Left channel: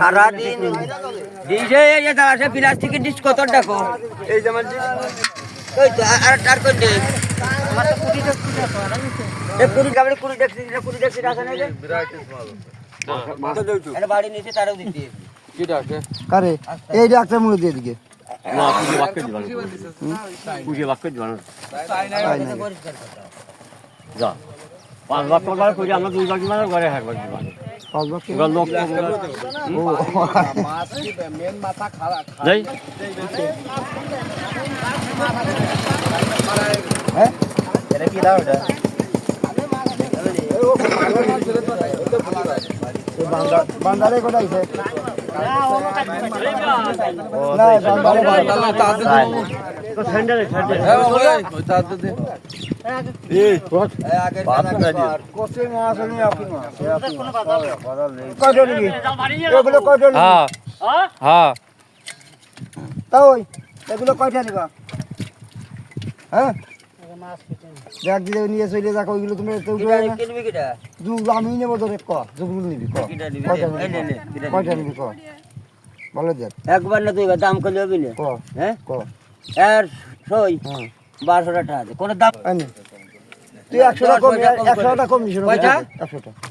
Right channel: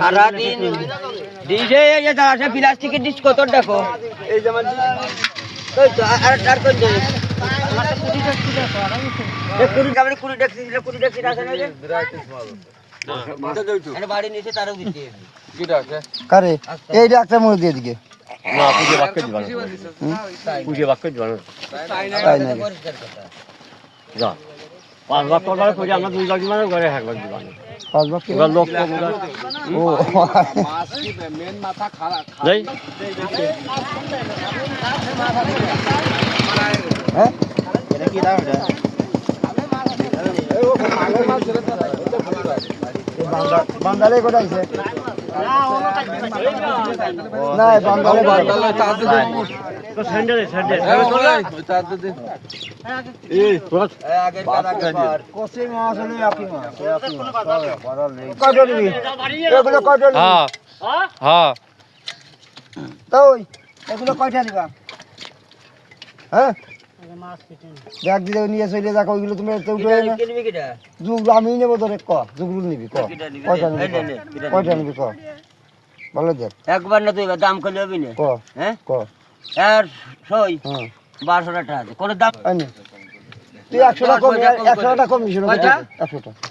সারাদিন প্লাস্টিকের ডিশ কত দেখো এই যেমন বাড়ি নিচে তারও দিতে এই ডাক্তার মুড়ি দিয়ে দিকে যা 5 লাখ টাকা করে আমরা 2 লাখ মানে ঘরে 1 লাখ দিবান 5 লাখ লোক মেন মাথা খারাপ যাই হ্যাঁ এটা কি দাও এটা বাঙ্গালে কোথায় আছে না বাঙ্গালে তো স্যান্ডেল কোসে মাছ হলে আপনি মাছ কয়টা নিবি এগুলো কয়টা নিবি হ্যাঁ তো এগুলো কয়টা নিবা হ্যাঁ ব্যাগ দিয়ে নিয়ে চলে যাক ওইগুলো তুমি আমি নেবো তোর ক যেগুলো নিবি কয়টা নিবি ক ভালো দেখ একবার না তুই দাম করলে হবে না ক হ্যাঁ ক আর সই 1200 টাকা আছে কোন দাম তুই 100 টাকা কম 100 টাকা কম দিছিস 100 টাকা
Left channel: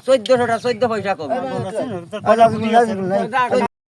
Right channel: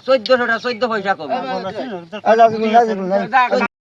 1400 টাকা 14 পয়সা কম